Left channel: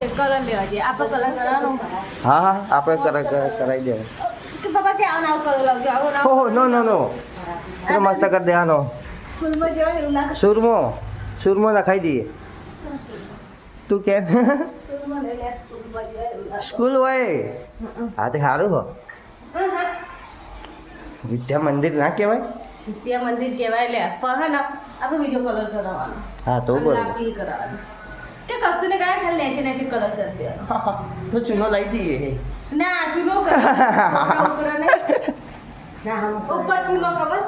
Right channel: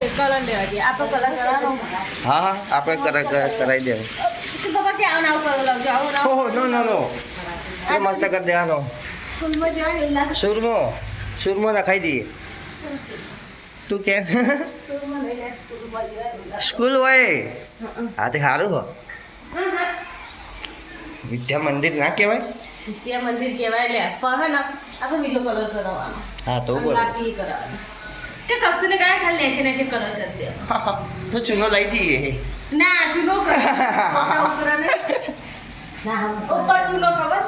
colour લેવા જઈએ આપણે કલર કરવાનો હા હા આપણે કરાવી દે બાબા કે આવો આવો કલર લાવજો આવો ના ઓહો નો નો નો તો મસ્ત કરી દેવાનો સ્કૂલમાં જવાનું એવું ના સુરમો રખાઈ દઈએ તું કે સ્કૂલમાં લઈ જાય સ્કૂલમાં જવાનું સ્કૂલ હોય હા તે સારું હો વિદ્યા મંદિર ના કહેવાય ત્યાં મંદિર કહેવાય લે પણ હે ને આપણે બીજો કલર કરાવવાનો હા તો અને લાકડી કરવાની કે કશું ને કાંઈ ખાલી નેચે નેચે કલર કરી દેવાનો તો ચૂનો લઈ દઈએ ના ચૂલો કરો ઉપર ચૂલો ખબર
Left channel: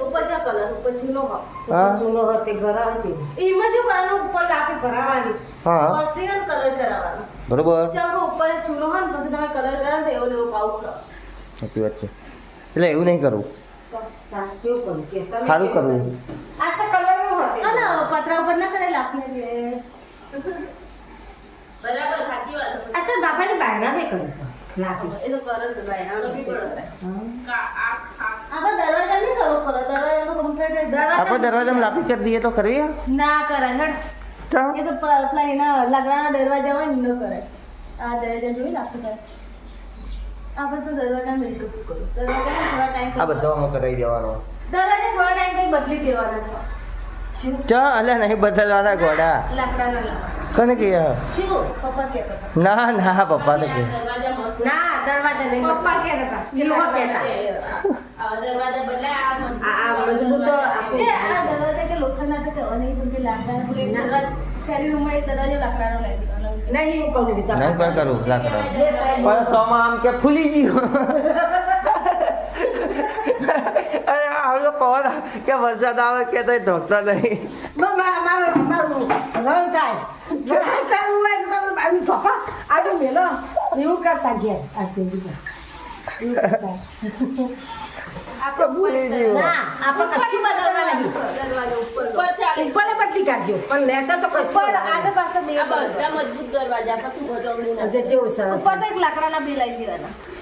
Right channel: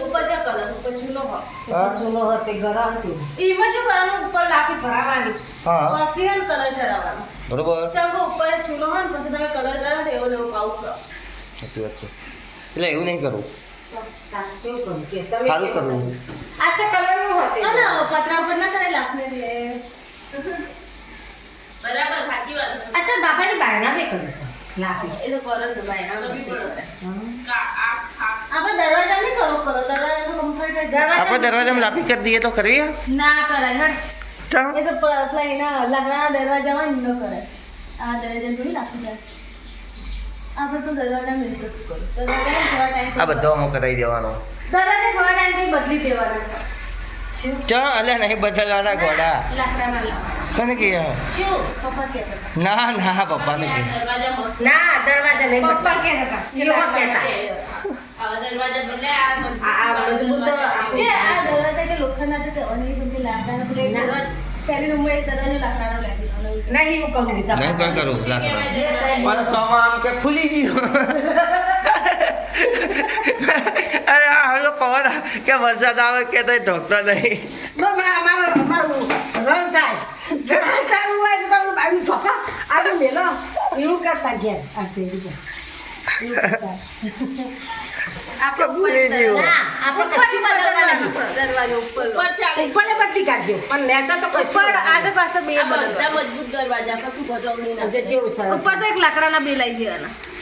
ઉપર જા કલર ઉપર ચૂલો ખબર ચૂલો હોતે ગરમ ચૂલો એમાં શું કરવાનું ઉપર લાકડી ભરાવાની હા પછી હે કલર કરાવવાનો બરોબર ચાલો ઉપર ચૂલો હોય ને પછી તમે કલર કરો તો એવો લેવો પાઉ કરો સાચી વાત છે એટલે એવું નહીં કરવું સારું કરવું આ તો કલર નું હોતે ના પતરા ઉપર ના કરે લાકને લે બરાબર સાચી વાત આ તો બાપાને બારણા બે કર્યું લાકડી એ તો કરો તો બારણા બે આપણે દરવાજા નહીં કરો દરવાજા તો કમ્પ્લીટ આપણે દરવાજામાં લાપી કરી દઈએ તો કરવી ના કરાય હટ ચા એ તો પેલા એના લાકડાના દરવાજામાં ન કરાય આ દરવાજા જોઈ લાકડું કરે આપણે તો દરવાજા મેં શું કરું દરવાજા થોડા ટાઈમ આ બધો અમુક કરાવી દેવાનો દરવાજા થોડા ટાઈમ પછી બદલી દેવાના છે ચા અલે નહીં બદલવાના ઘોડા લાકડાના લાવવાના કોને કે શું પપ્પા કહેતા હતા ના ના પપ્પા ને કે દરવાજા મસ્ત ના દરવાજા નહીં પપ્પા કહેતા હતા યો કહેતા આ દરવાજા બદલે આ મજબૂત કે આ દરવાજા કે લોખંડના છે કે અનેક બધી લાકડાના પૂરે દરવાજા પહેલી રૂમમાં એ દરવાજો લાકડાનો લાગી નહીં હું કહું વિચાર નહીં કઈ કરું લાકડા પણ ચોમા આમ કે ફૂલી ગયું અરે હાલો પવન કે વરસાદ આવે કે તો ઢોકતો નહીં અમારું રન થાય ચાલુ હોય તો તમે બાજુ ઠોકો આગળ મેલો એવું કરતા ગયા આ સેવી આપણે ભૂલી ગયું આપણે કશું બદલવા નથી દરવાજો ઉપર ઉપર પટ્ટી કાઢજો પણ નેચા તો ઉપર આગળ પાસે બે બધા મજબૂત દરવાજા પછી ગોઠવણી ના જેવું સરસ ઉપર તો એક લાકડાના બે લઈ દેવાના